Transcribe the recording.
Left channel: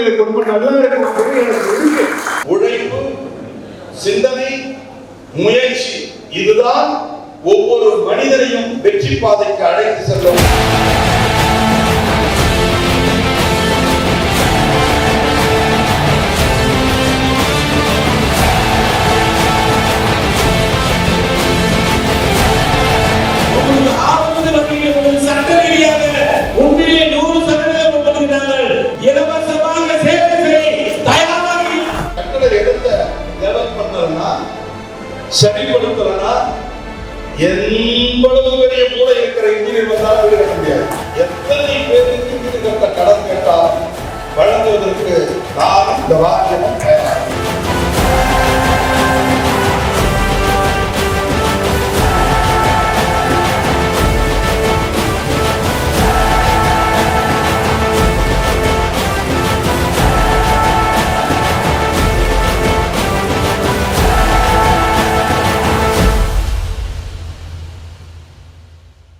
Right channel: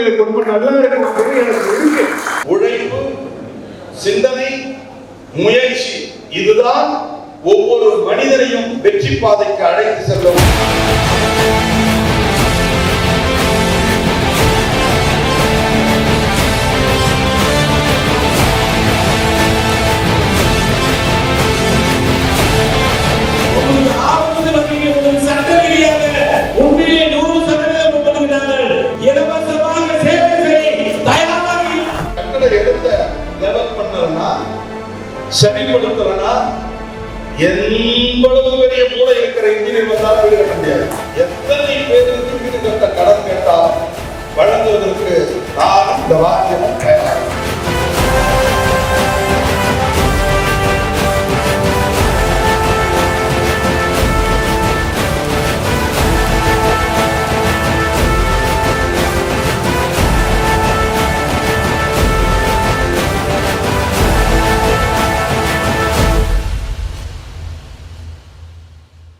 சூழ்நிலை ரொம்ப நல்லா இருக்கும் எனக்கு இருக்கு. உழைப்பு, சிந்தனை, முயற்சி இதுதான் ஒவ்வொரு மனிதனையும் வெற்றி பாதைக்கு அழைத்து செல்லும். சரிப்படுத்தலனா எவ்வளவு பெரிய மூளை இருக்கிற இன்ஜினியர் வந்தாலும் வீடு கட்ட முடியாது. எத்தனை பேருக்கு வீடு கட்ட கடன் கேட்டால் வழங்குவதற்கு நான் இந்த வாக்கியம்